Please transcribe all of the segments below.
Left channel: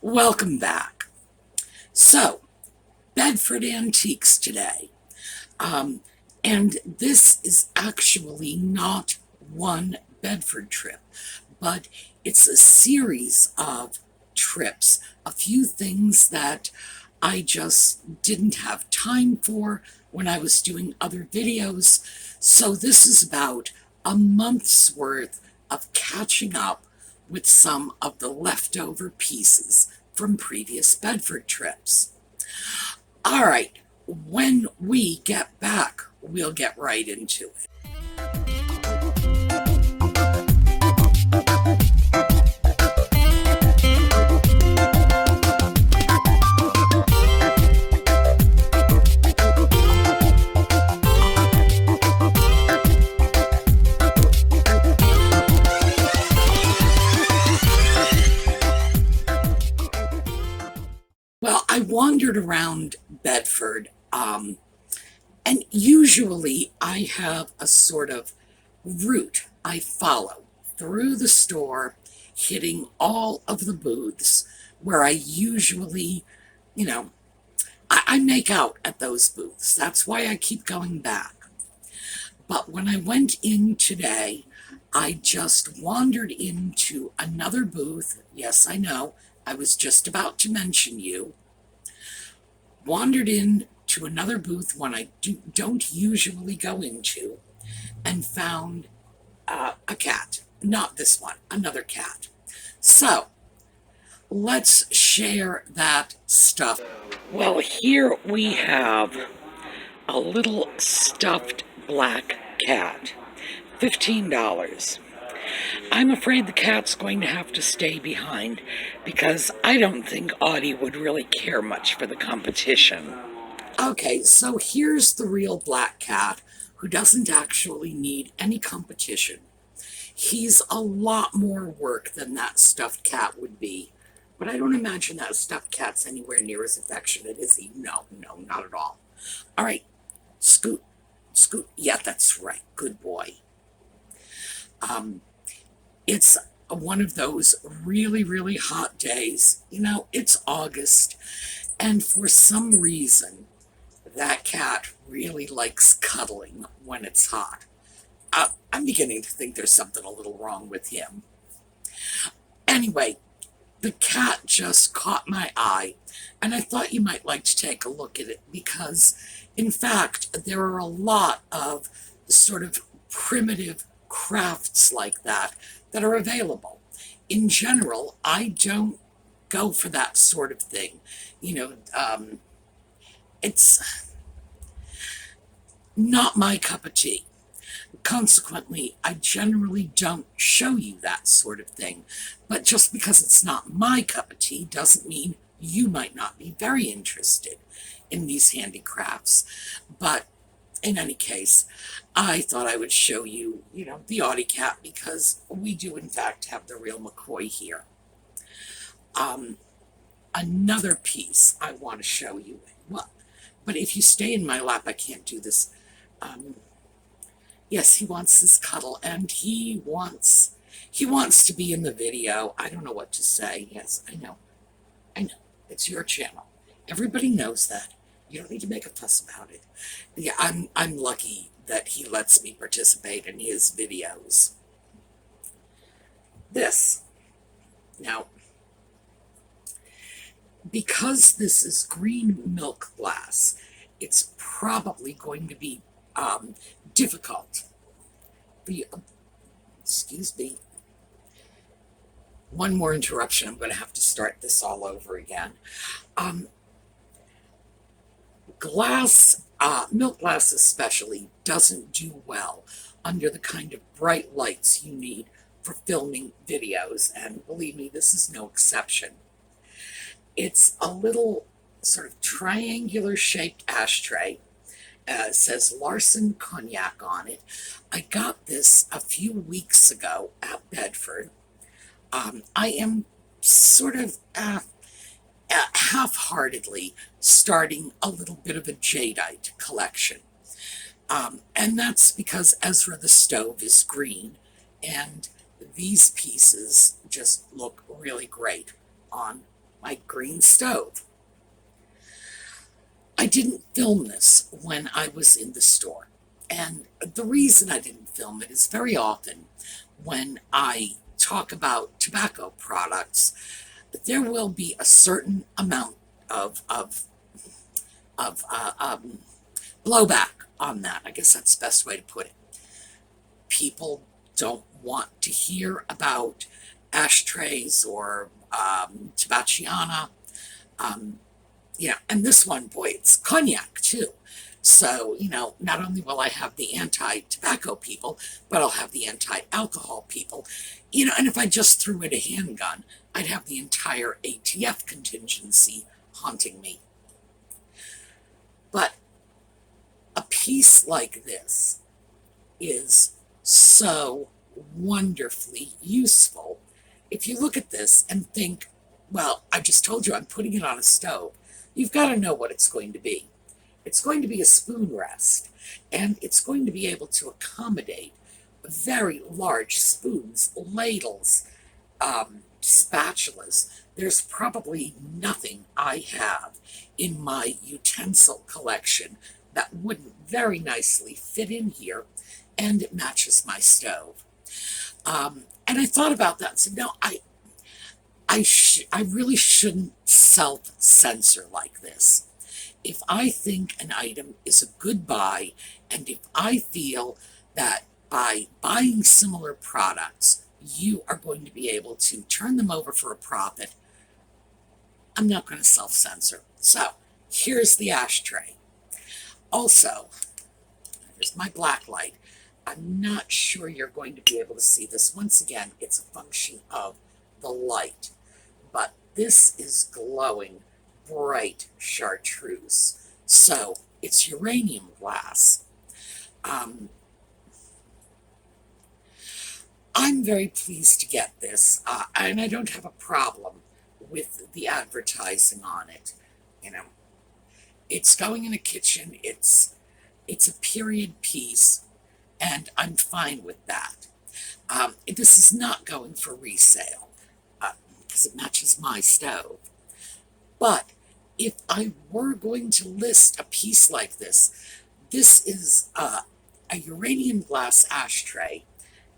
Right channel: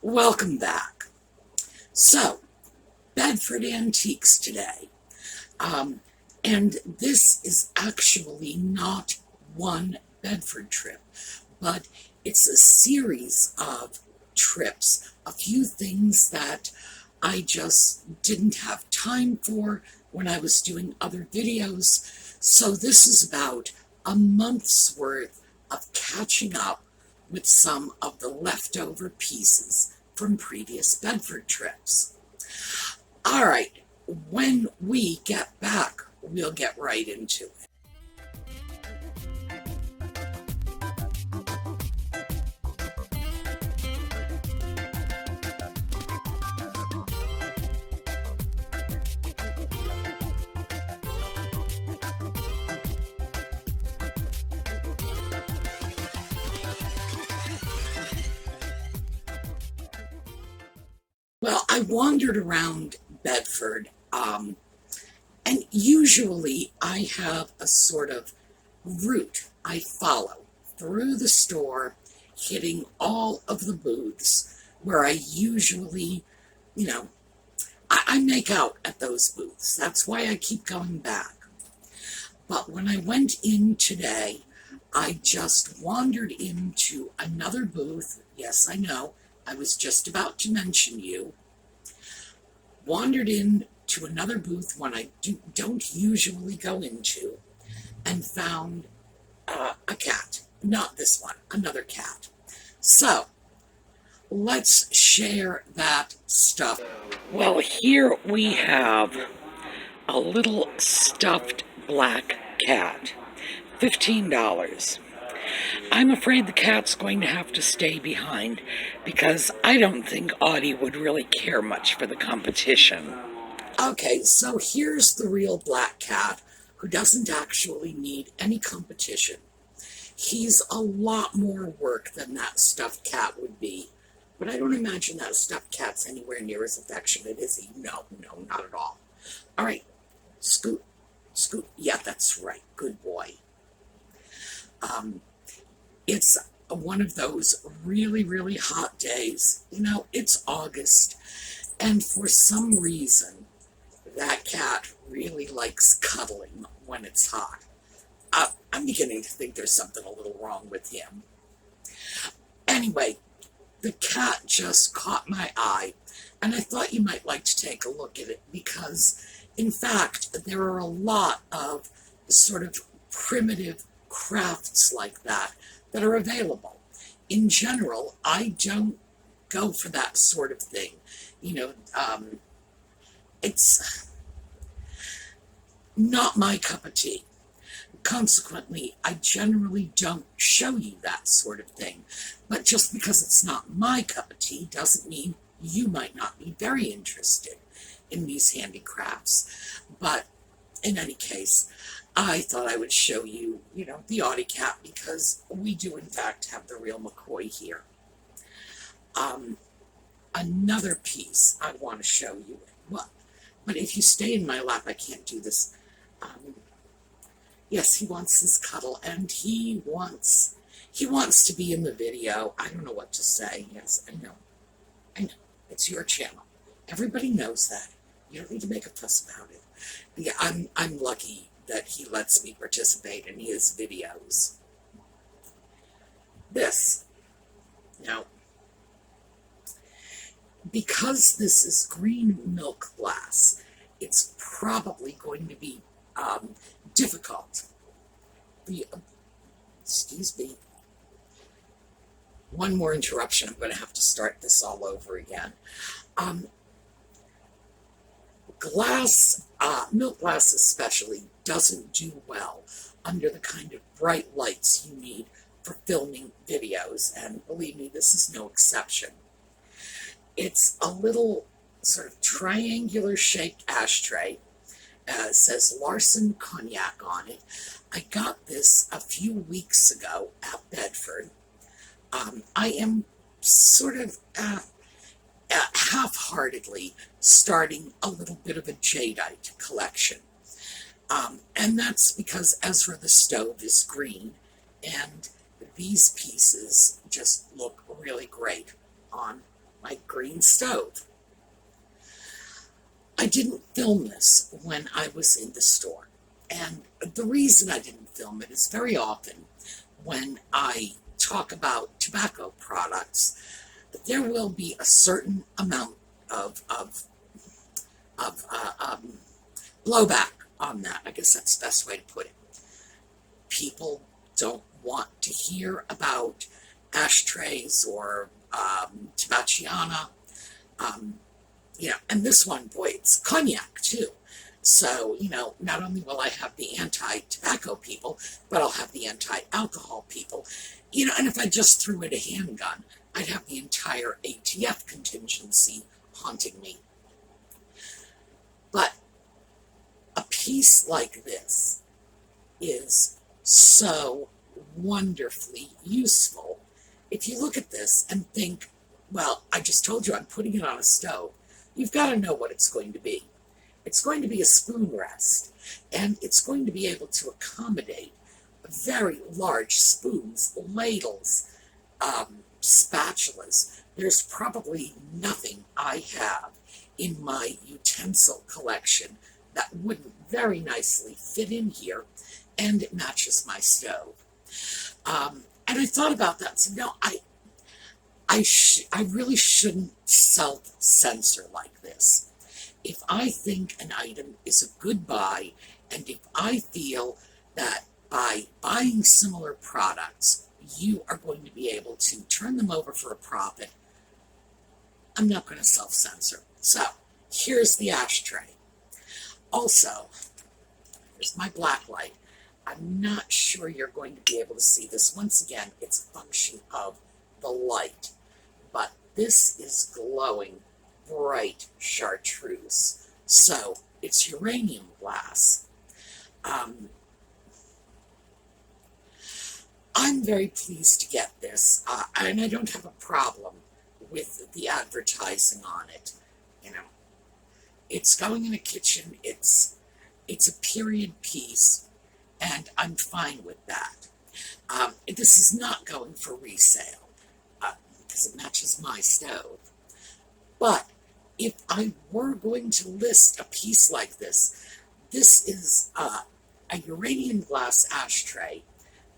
Welcome back. So, Bedford Antiques today. And this is actually not one Bedford trip, but it's a series of trips, a few things that I just didn't have time for when I was doing other videos. So this is about a month's worth of catching up with some of the leftover pieces from previous Bedford trips. All right, when we get back, we'll get right into it. Well, I wandered around Bedford, and usually I have a sort of route I follow through the store, hitting all of the booths where I usually, you know, I make out at those booths. That's why I keep going back. But when I went in today, I just wandered into another booth. Yes, I know, I was just about to mention you. Wandered in to another booth one I don't usually go into, and found a cat. Not this one, another cat. So, let's share that stuff. Well, here we have a little stuffed black cat. $15. I'm afraid the cat's going to have to stay behind because I don't think Audie would really care much for the competition. Okay, so here's the real black cat who doesn't actually need any competition. He's a lot more work than that stuffed cat would be, but I don't imagine that stuffed cat's anywhere near as affectionate, is he? No, not at all. All right, Scoot. Yeah, that's right. Good boy. It's one of those really, really hot days. It's August, and for some reason, that cat really likes cuddling when it's hot. I'm beginning to think there's something a little wrong with him. Anyway, the cat just caught my eye, and I thought you might like to take a look at it because, in fact, there are a lot of sort of primitive crafts like that are available. In general, I don't go for that sort of thing. It's not my cup of tea. Consequently, I generally don't show you that sort of thing. But just because it's not my cup of tea doesn't mean you might not be very interested in these handicrafts. But in any case, I thought I would show you, the Audie cat because we do in fact have the real McCoy here. Another piece I want to show you. Well, but if you stay in my lap, I can't do this. Yes, he wants his cuddle, and he wants to be in the video. I don't know what to say. Yes, I know. It's your channel. Everybody knows that. You don't need to make a fuss about it. Yeah, I'm lucky that he lets me participate in his videos. This. Now, because this is green milk glass, it's probably going to be difficult. Excuse me. One more interruption. I'm going to have to start this all over again. Milk glass especially, doesn't do well under the kind of bright lights you need for filming videos, and believe me, this is no exception. It's a little sort of triangular shaped ashtray. Says Larson Cognac on it. I got this a few weeks ago at Bedford. I am sort of half-heartedly starting a little bit of a jadeite collection. And that's because Ezra the stove is green, and these pieces just look really great on my green stove. I didn't film this when I was in the store. And the reason I didn't film it is very often when I talk about tobacco products, there will be a certain amount of blowback on that. I guess that's the best way to put it. People don't want to hear about ashtrays or Tabaciana. And this one, boy, it's cognac too. So, not only will I have the anti-tobacco people, but I'll have the anti-alcohol people. And if I just threw in a handgun, I'd have the entire ATF contingency haunting me. But a piece like this is so wonderfully useful. If you look at this and think, well, I just told you I'm putting it on a stove, you've got to know what it's going to be. It's going to be a spoon rest, and it's going to be able to accommodate very large spoons, ladles, spatulas. There's probably nothing I have in my utensil collection that wouldn't very nicely fit in here, and it matches my stove. And I thought about that and said, no, I really shouldn't self-censor like this. If I think an item is a good buy, and if I feel that by buying similar products, you are going to be able to turn them over for a profit, I'm not going to self-censor. So, here's the ashtray. Also, here's my black light. I'm not sure you're going to be able to see this. Once again, it's a function of the light. But this is glowing bright chartreuse. So, it's uranium glass. I'm very pleased to get this, and I don't have a problem with the advertising on it. It's going in a kitchen. It's a period piece, and I'm fine with that. This is not going for resale because it matches my stove. But if I were going to list a piece like this, this is a uranium glass ashtray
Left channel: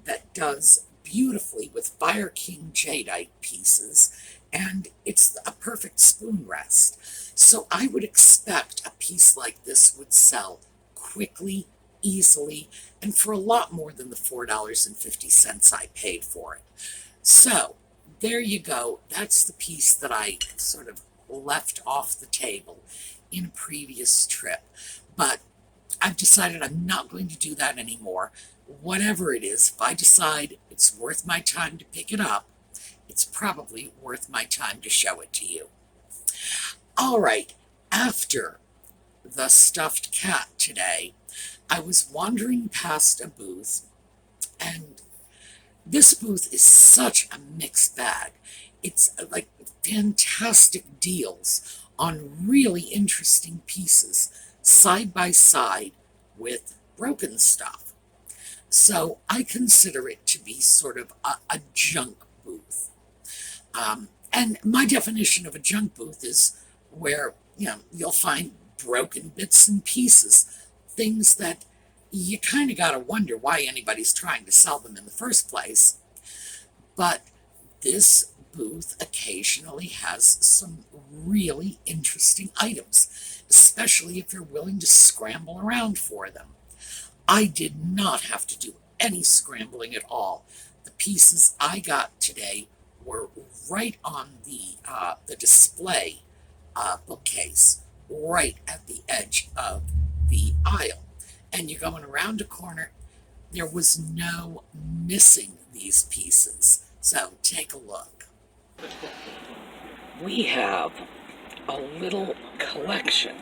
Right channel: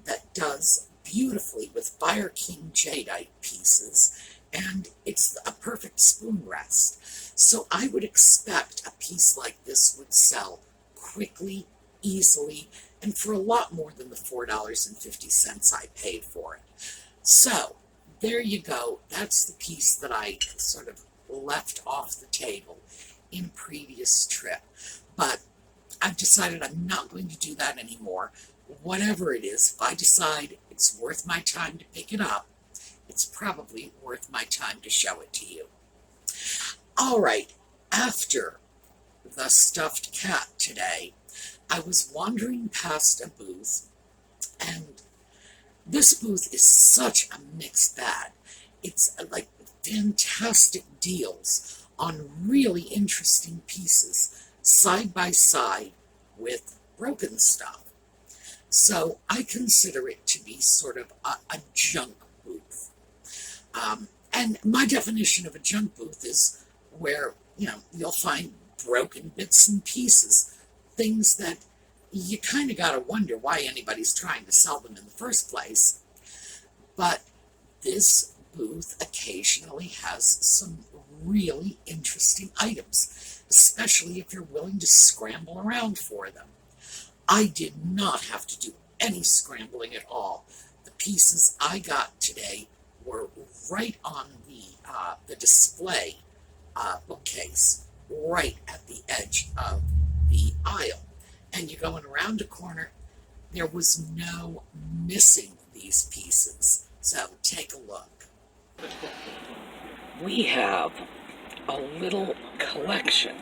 that does beautifully with Fire King jadeite pieces, and it's a perfect spoon rest. So I would expect a piece like this would sell quickly, easily, and for a lot more than the $4.50 I paid for it. So there you go. That's the piece that I sort of left off the table in a previous trip. But I've decided I'm not going to do that anymore. Whatever it is, if I decide it's worth my time to pick it up, it's probably worth my time to show it to you. All right, after the stuffed cat today, I was wandering past a booth, and this booth is such a mixed bag. It's like fantastic deals on really interesting pieces, side by side with broken stuff. So I consider it to be sort of a junk booth. And my definition of a junk booth is where, you'll find broken bits and pieces, things that you kind of got to wonder why anybody's trying to sell them in the first place. But this booth occasionally has some really interesting items, especially if you're willing to scramble around for them. I did not have to do any scrambling at all. The pieces I got today were right on the display bookcase, right at the edge of the aisle. And you're going around a corner. There was no missing these pieces. So take a look. We have a little collection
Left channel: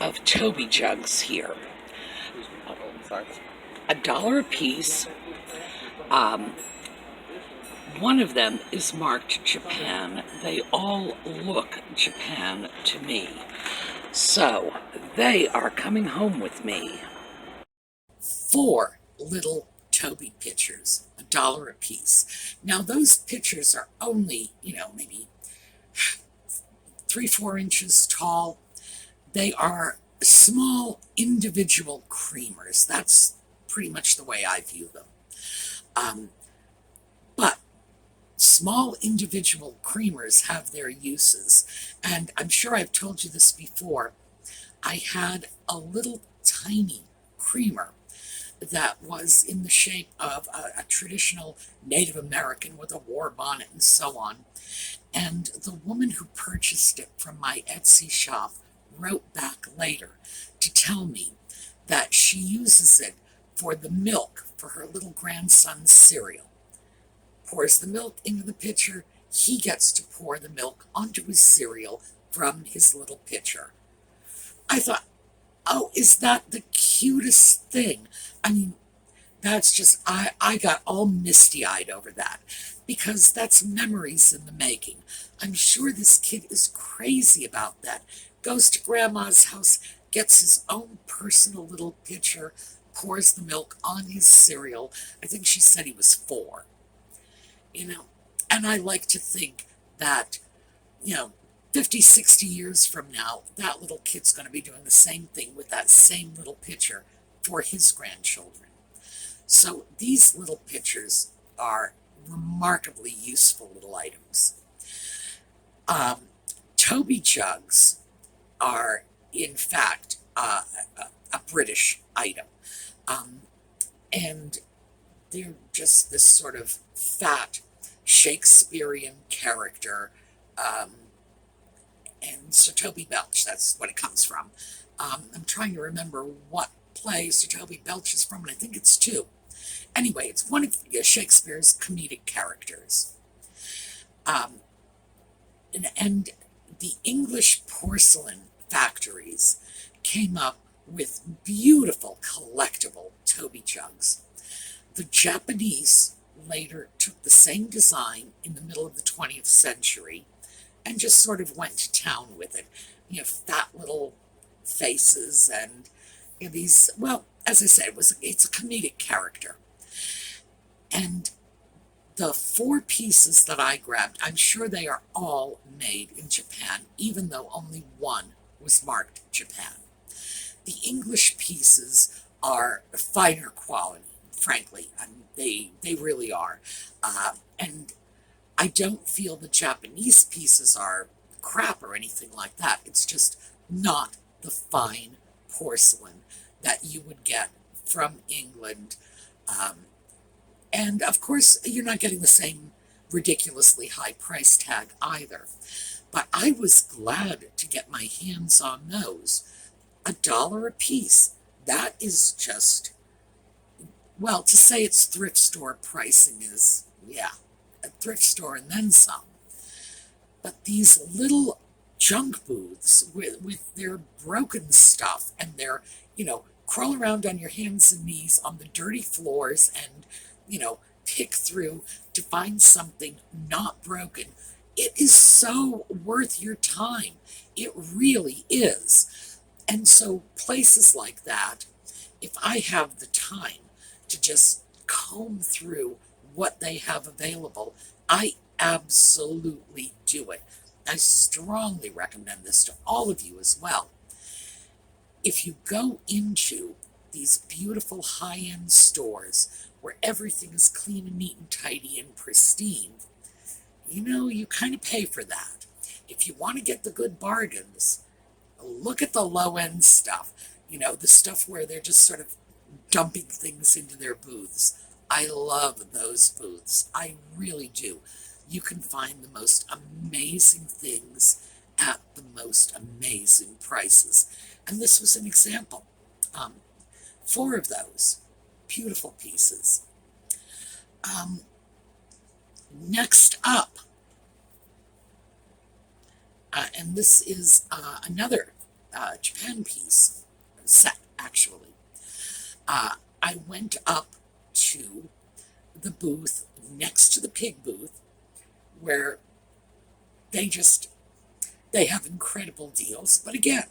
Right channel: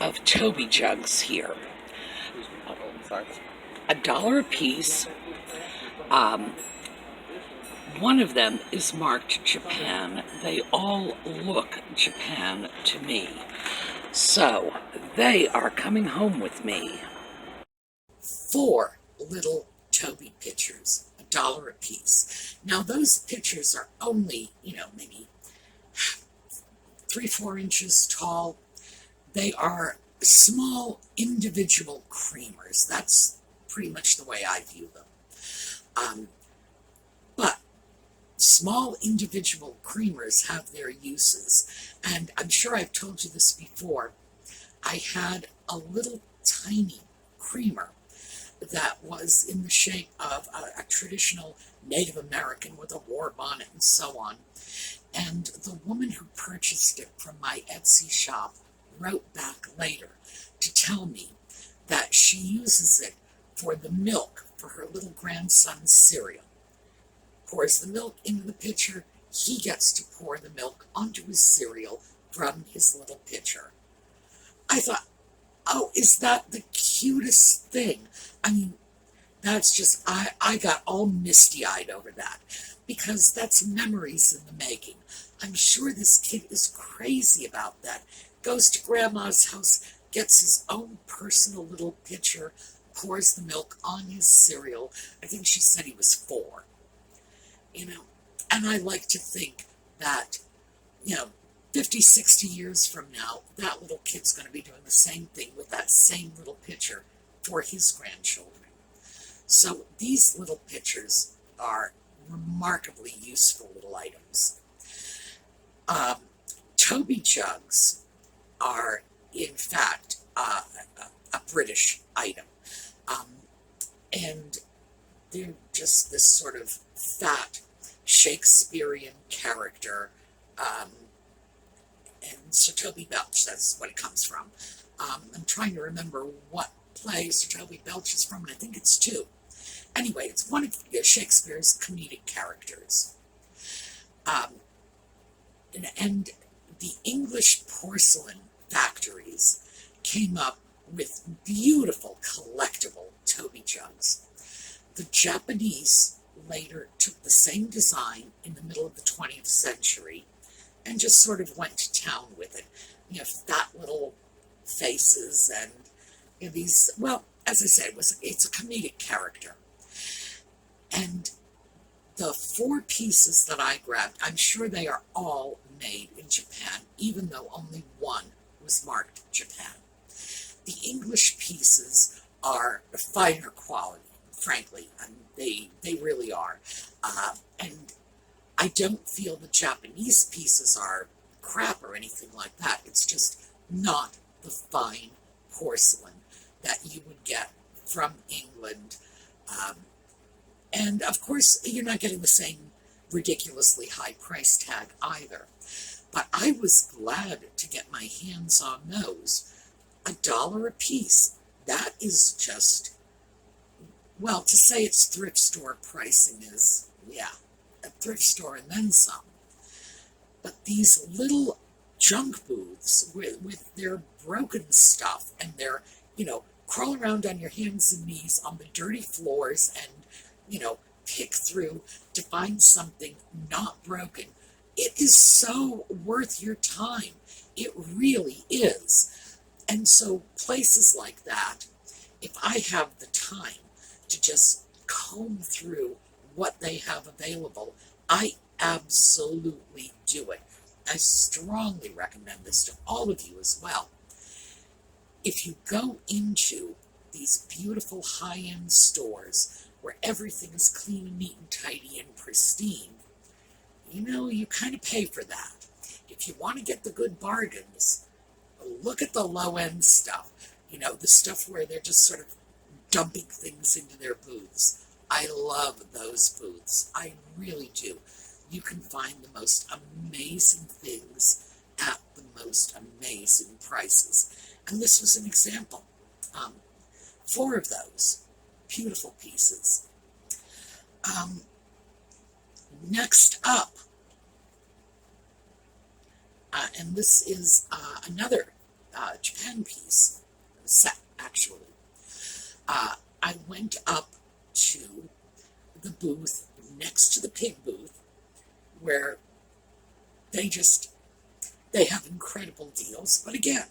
of Toby Jugs here. $1 a piece. One of them is marked Japan. They all look Japan to me. So they are coming home with me. 4 little Toby pitchers, $1 a piece. Now those pitchers are only, maybe 3-4 inches tall. They are small individual creamers. That's pretty much the way I view them. But small individual creamers have their uses. And I'm sure I've told you this before. I had a little tiny creamer that was in the shape of a traditional Native American with a war bonnet and so on. And the woman who purchased it from my Etsy shop wrote back later to tell me that she uses it for the milk for her little grandson's cereal. Pours the milk into the pitcher, he gets to pour the milk onto his cereal from his little pitcher. I thought, oh, is that the cutest thing? I mean, that's just, I got all misty-eyed over that, because that's memories in the making. I'm sure this kid is crazy about that. Goes to Grandma's house, gets his own personal little pitcher, pours the milk on his cereal. I think she said he was 4. And I like to think that, 50, 60 years from now, that little kid's going to be doing the same thing with that same little pitcher for his grandchildren. So these little pitchers are remarkably useful little items. Toby Jugs are, in fact, a British item. And they're just this sort of fat Shakespearean character. And Sir Toby Belch, that's what it comes from. I'm trying to remember what play Sir Toby Belch is from, and I think it's 2. Anyway, it's one of Shakespeare's comedic characters. And the English porcelain factories came up with beautiful collectible Toby Jugs. The Japanese later took the same design in the middle of the 20th century and just sort of went to town with it. Fat little faces and these, well, as I said, it's a comedic character. And the 4 pieces that I grabbed, I'm sure they are all made in Japan, even though only one was marked Japan. The English pieces are finer quality, frankly, and they really are. And I don't feel the Japanese pieces are crap or anything like that. It's just not the fine porcelain that you would get from England. And of course, you're not getting the same ridiculously high price tag either. But I was glad to get my hands on those. $1 a piece. That is just, well, to say it's thrift store pricing is, yeah, a thrift store and then some. But these little junk booths with their broken stuff and their, crawl around on your hands and knees on the dirty floors and, pick through to find something not broken. It is so worth your time. It really is. And so places like that, if I have the time to just comb through what they have available, I absolutely do it. I strongly recommend this to all of you as well. If you go into these beautiful high-end stores where everything is clean and neat and tidy and pristine, you kind of pay for that. If you want to get the good bargains, look at the low-end stuff. The stuff where they're just sort of dumping things into their booths. I love those booths. I really do. You can find the most amazing things at the most amazing prices. And this was an example. 4 of those. Beautiful pieces. Next up, and this is another Japan piece, set actually. I went up to the booth next to the pig booth where they have incredible deals. But again,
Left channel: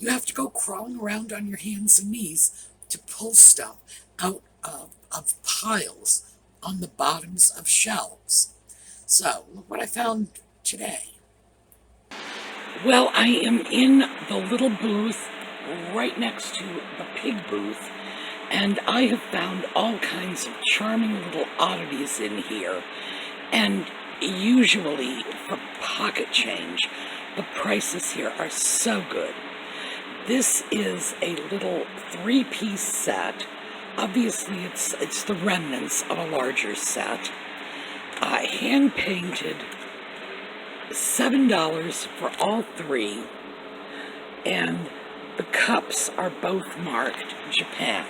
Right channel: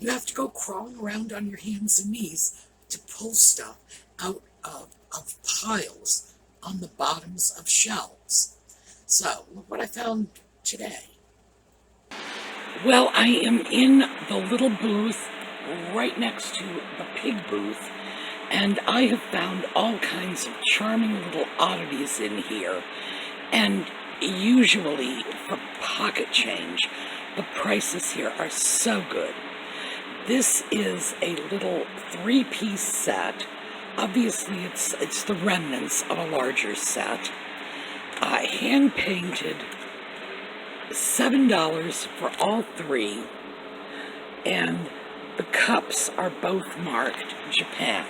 you have to go crawling around on your hands and knees to pull stuff out of piles on the bottoms of shelves. So, look what I found today. Well, I am in the little booth right next to the pig booth, and I have found all kinds of charming little oddities in here. And usually, for pocket change, the prices here are so good. This is a little three-piece set. Obviously, it's the remnants of a larger set. Hand-painted, $7 for all three, and the cups are both marked Japan.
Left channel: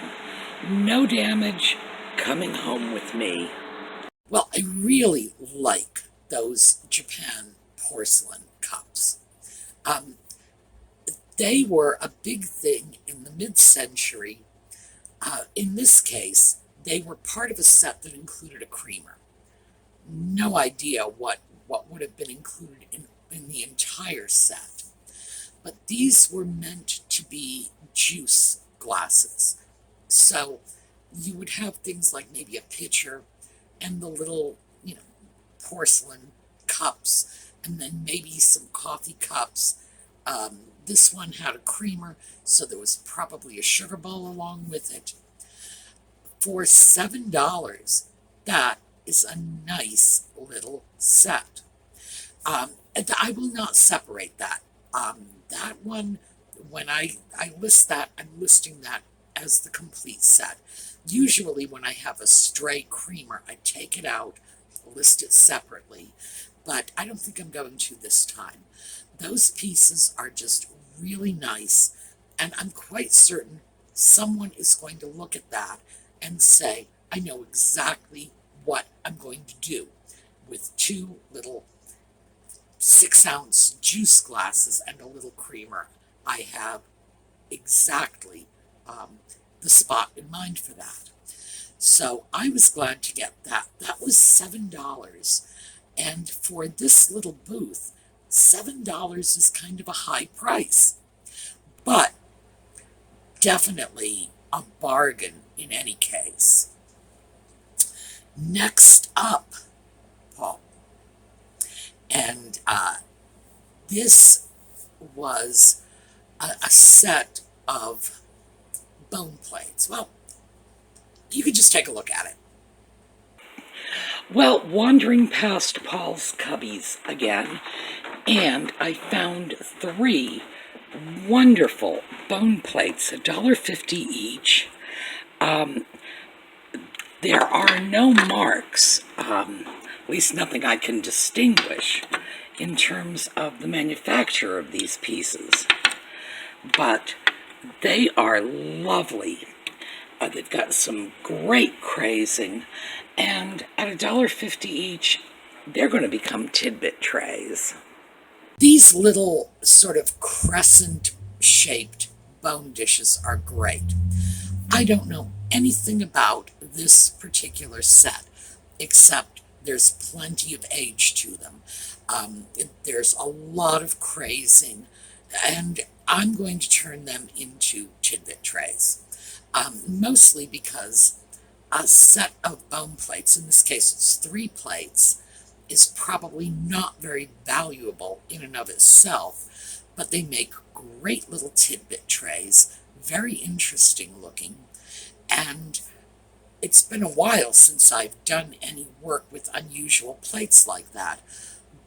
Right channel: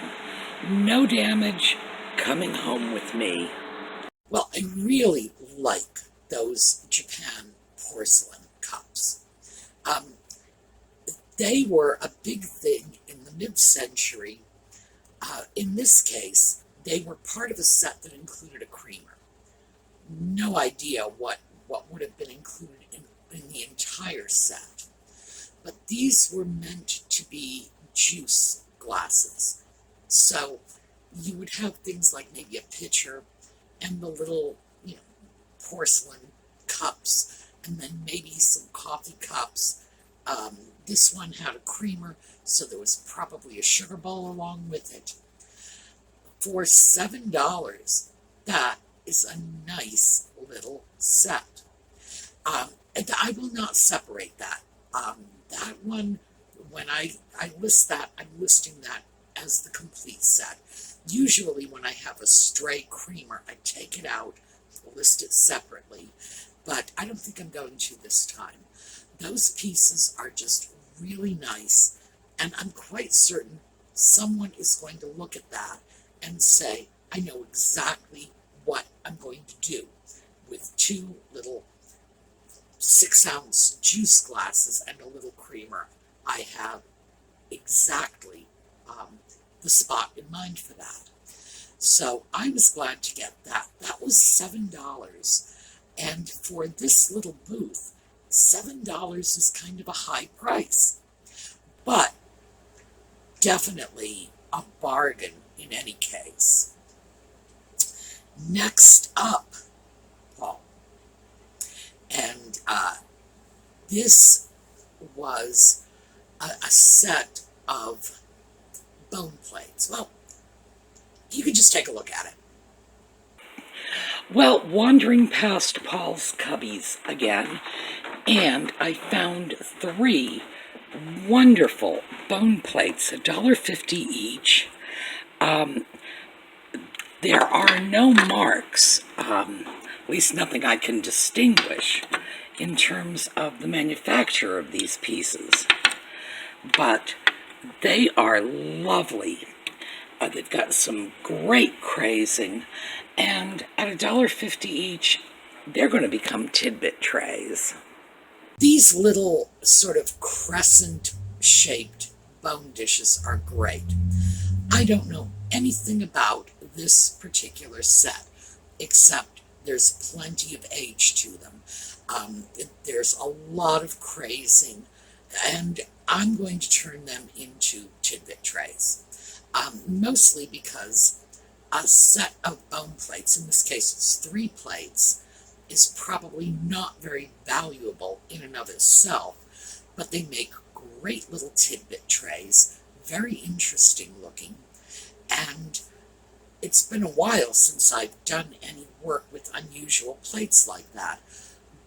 No damage, coming home with me. Well, I really like those Japan porcelain cups. They were a big thing in the mid-century. In this case, they were part of a set that included a creamer. No idea what would have been included in the entire set. But these were meant to be juice glasses. So you would have things like maybe a pitcher and the little, porcelain cups, and then maybe some coffee cups. This one had a creamer, so there was probably a sugar bowl along with it. For $7, that is a nice little set. And I will not separate that. That one, when I list that, I'm listing that as the complete set. Usually when I have a stray creamer, I take it out, list it separately, but I don't think I'm going to this time. Those pieces are just really nice, and I'm quite certain someone is going to look at that and say, I know exactly what I'm going to do with two little 6-ounce juice glasses and a little creamer. I have exactly the spot in mind for that. So I was glad to get that. That was $7. And for this little booth, $7 is kind of a high price. But definitely a bargain in any case. Next up, Paul. And this was a set of bone plates. Well, you could just take a look at it. Well, wandering past Paul's cubbies again, and I found 3 wonderful bone plates, $1.50 each. There are no marks, at least nothing I can distinguish in terms of the manufacture of these pieces, but they are lovely. They've got some great crazing, and at $1.50 each, they're going to become Tidbit trays. These little sort of crescent-shaped bone dishes are great. I don't know anything about this particular set, except there's plenty of age to them. There's a lot of crazing, and I'm going to turn them into Tidbit trays. Mostly because a set of bone plates, in this case it's 3 plates, is probably not very valuable in and of itself, but they make great little tidbit trays, very interesting looking, and it's been a while since I've done any work with unusual plates like that.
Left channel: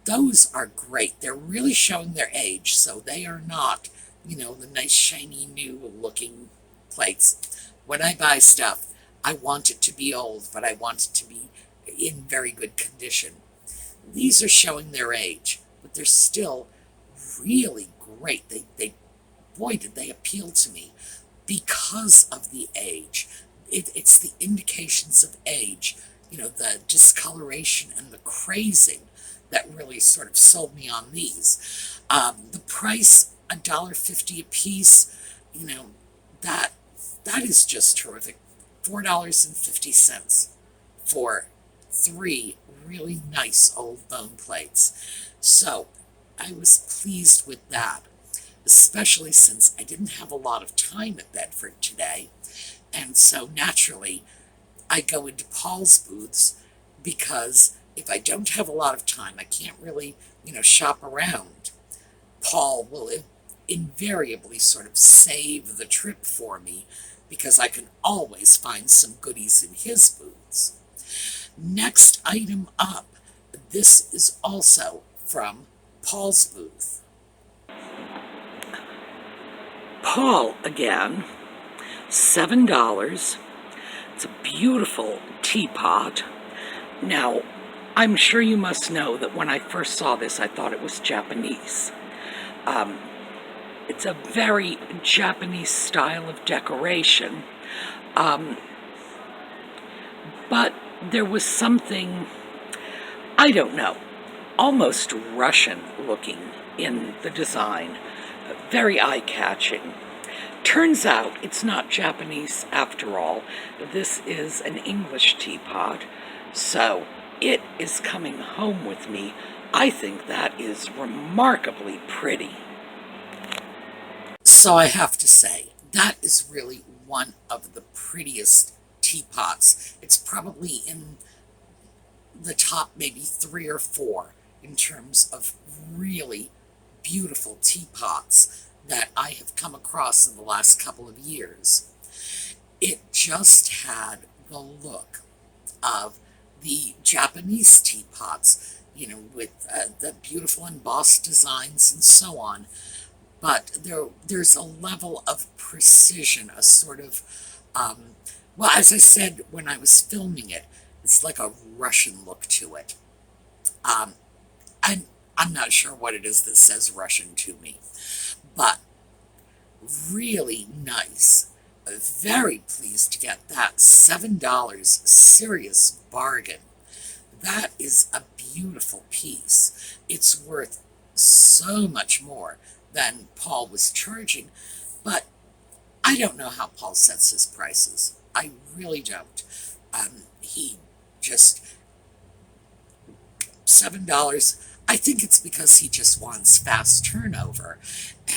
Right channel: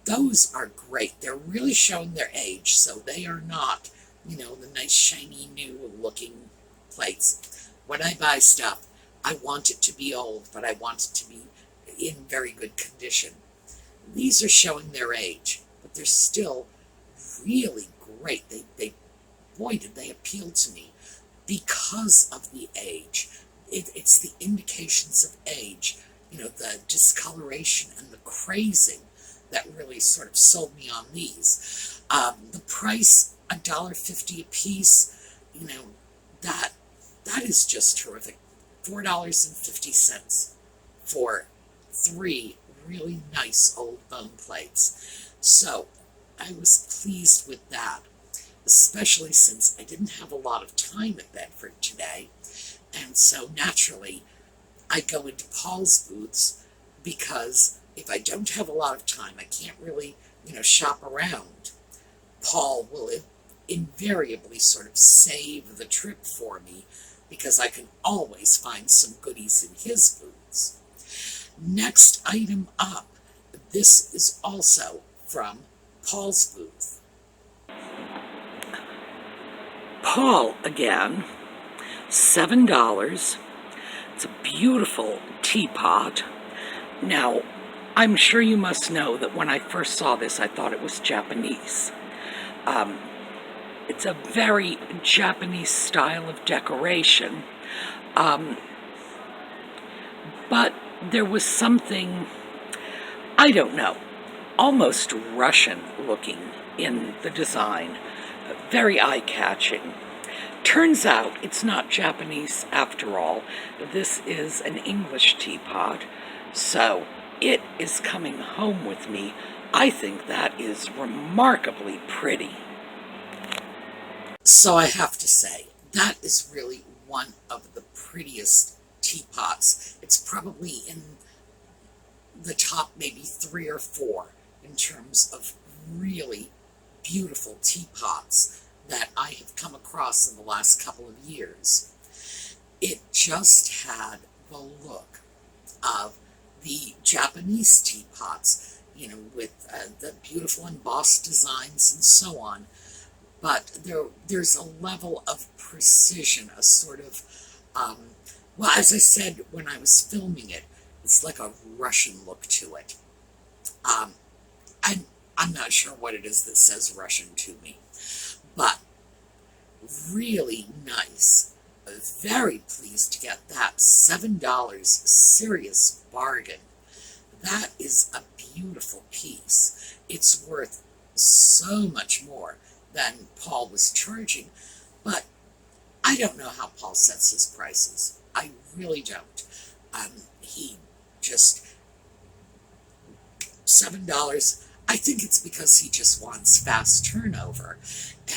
Those are great. They're really showing their age, so they are not, the nice shiny new looking plates. When I buy stuff, I want it to be old, but I want it to be in very good condition. These are showing their age, but they're still really great. Boy, did they appeal to me because of the age. It's the indications of age, the discoloration and the crazing that really sort of sold me on these. The price, $1.50 a piece, that is just terrific. $4.50 for 3 really nice old bone plates. So I was pleased with that, especially since I didn't have a lot of time at Bedford today. And so naturally, I go into Paul's booths because if I don't have a lot of time, I can't really, shop around. Paul will invariably sort of save the trip for me because I can always find some goodies in his booths. Next item up, this is also from Paul's booth. Paul again, $7. It's a beautiful teapot. Now, I'm sure you must know that when I first saw this, I thought it was Japanese. It's a very Japanese style of decoration, but there was something, I don't know, almost Russian looking in the design, very eye-catching. Turns out it's not Japanese after all. This is an English teapot, so it is coming home with me. I think that is remarkably pretty. So I have to say, that is really one of the prettiest teapots. It's probably in the top maybe 3 or 4 in terms of really beautiful teapots that I have come across in the last couple of years. It just had the look of the Japanese teapots, you know, with the beautiful embossed designs and so on. But there's a level of precision, a sort of, well, as I said when I was filming it, it's like a Russian look to it. I'm not sure what it is that says Russian to me, but really nice. Very pleased to get that. $7, serious bargain. That is a beautiful piece. It's worth so much more than Paul was charging, but I don't know how Paul sets his prices. I really don't. He just, $7, I think it's because he just wants fast turnover.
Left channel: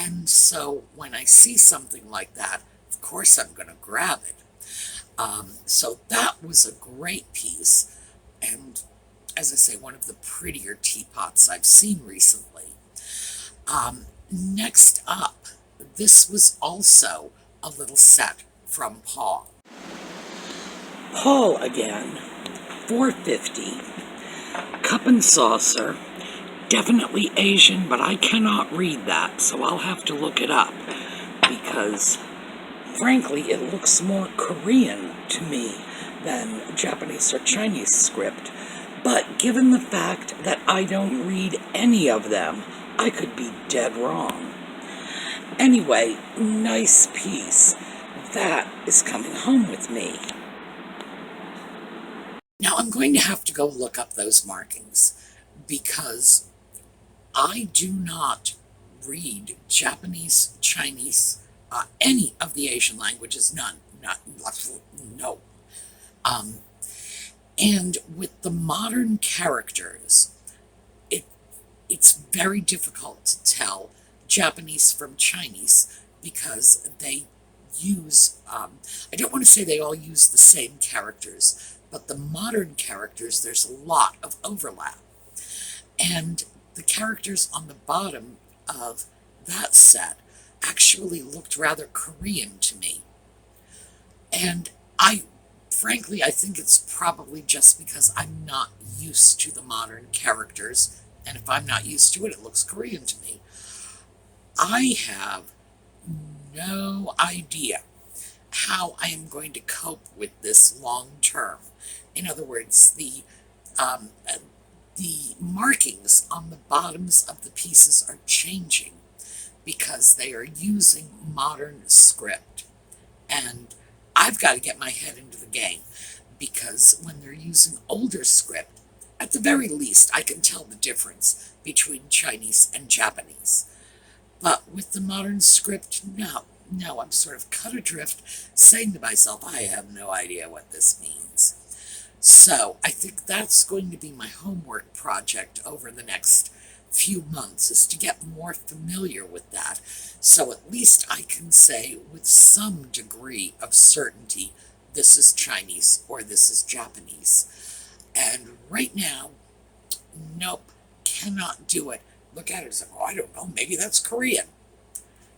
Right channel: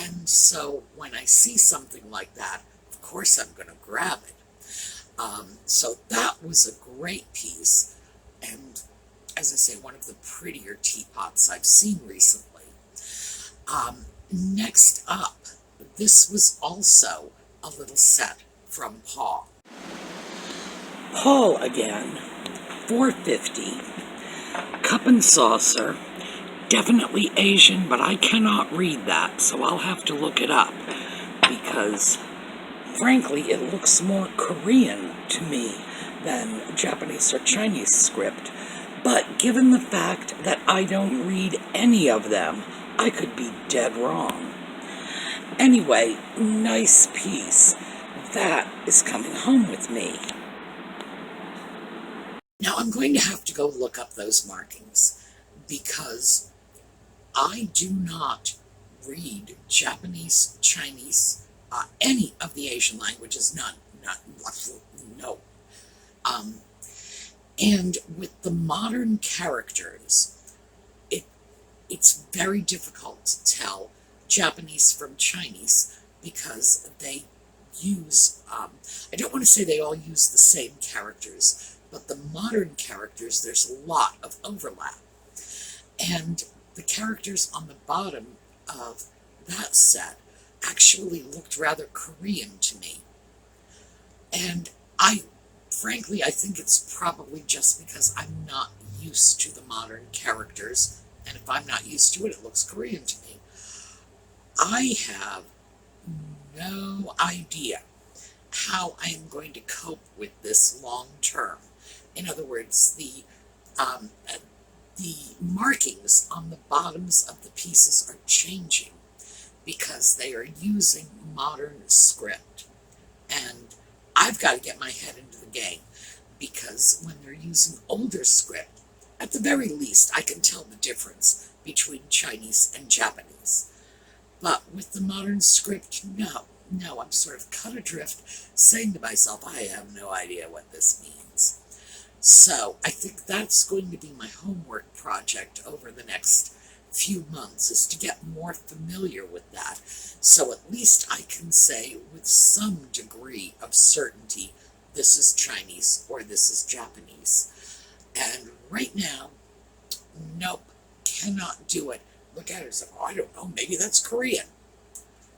And so when I see something like that, of course I'm going to grab it. So that was a great piece. And as I say, one of the prettier teapots I've seen recently. Next up, this was also a little set from Paul. Paul again, $4.50, cup and saucer, definitely Asian, but I cannot read that, so I'll have to look it up, because frankly it looks more Korean to me than Japanese or Chinese script. But given the fact that I don't read any of them, I could be dead wrong. Anyway, nice piece. That is coming home with me. Now I'm going to have to go look up those markings because I do not read Japanese, Chinese, any of the Asian languages, none. No. And with the modern characters, it's very difficult to tell Japanese from Chinese because they use, I don't want to say they all use the same characters, but the modern characters, there's a lot of overlap. And the characters on the bottom of that set actually looked rather Korean to me. And frankly, I think it's probably just because I'm not used to the modern characters, and if I'm not used to it, it looks Korean to me. I have no idea how I am going to cope with this long term. In other words, the markings on the bottoms of the pieces are changing because they are using modern script. And I've got to get my head into the game because when they're using older script, at the very least, I can tell the difference between Chinese and Japanese. But with the modern script, no, I'm sort of cut adrift, saying to myself, I have no idea what this means. So I think that's going to be my homework project over the next few months, is to get more familiar with that. So at least I can say with some degree of certainty, this is Chinese or this is Japanese. And right now, nope, cannot do it look at it and say, oh, I don't know, maybe that's Korean.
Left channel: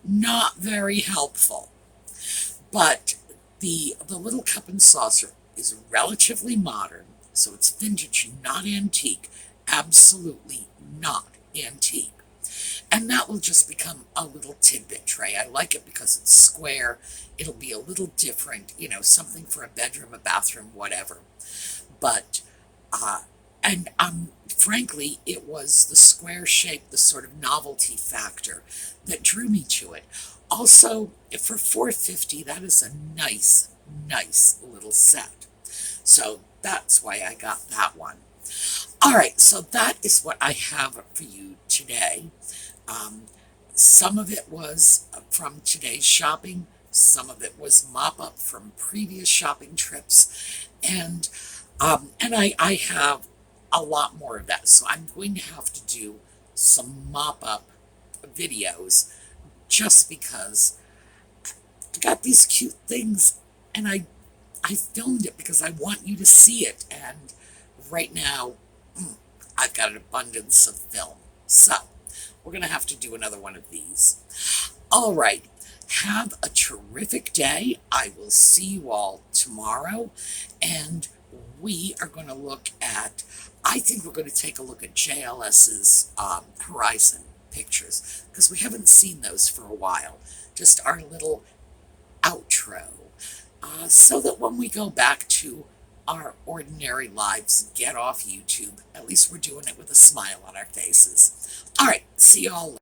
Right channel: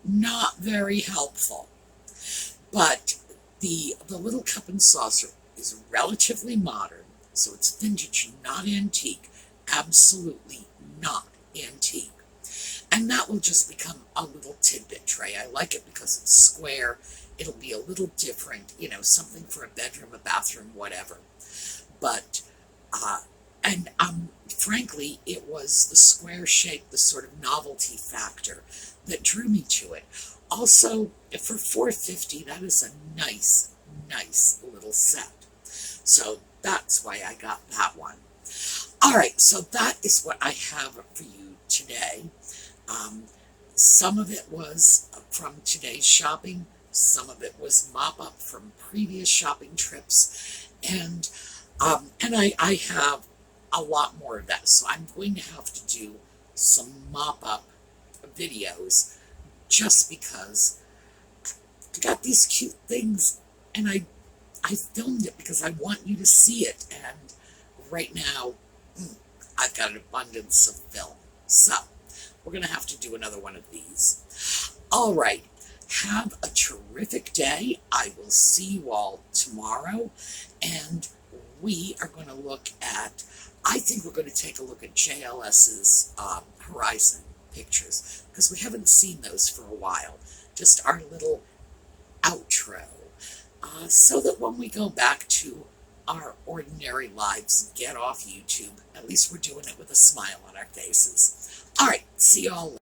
Not very helpful. But the little cup and saucer is relatively modern, so it's vintage, not antique. Absolutely not antique. And that will just become a little tidbit tray. I like it because it's square. It'll be a little different, you know, something for a bedroom, a bathroom, whatever. But, frankly, it was the square shape, the sort of novelty factor that drew me to it. Also, for $4.50, that is a nice, nice little set. So that's why I got that one. All right, so that is what I have for you today. Some of it was from today's shopping. Some of it was mop up from previous shopping trips. And I have a lot more of that. So I'm going to have to do some mop up videos just because I got these cute things and I filmed it because I want you to see it. And right now, I've got an abundance of film. So we're going to have to do another one of these. All right. Have a terrific day. I will see you all tomorrow. And we are going to look at, I think we're going to take a look at JLS's Horizon pictures, because we haven't seen those for a while. Just our little outro. So that when we go back to our ordinary lives, get off YouTube, at least we're doing it with a smile on our faces. All right, see y'all later.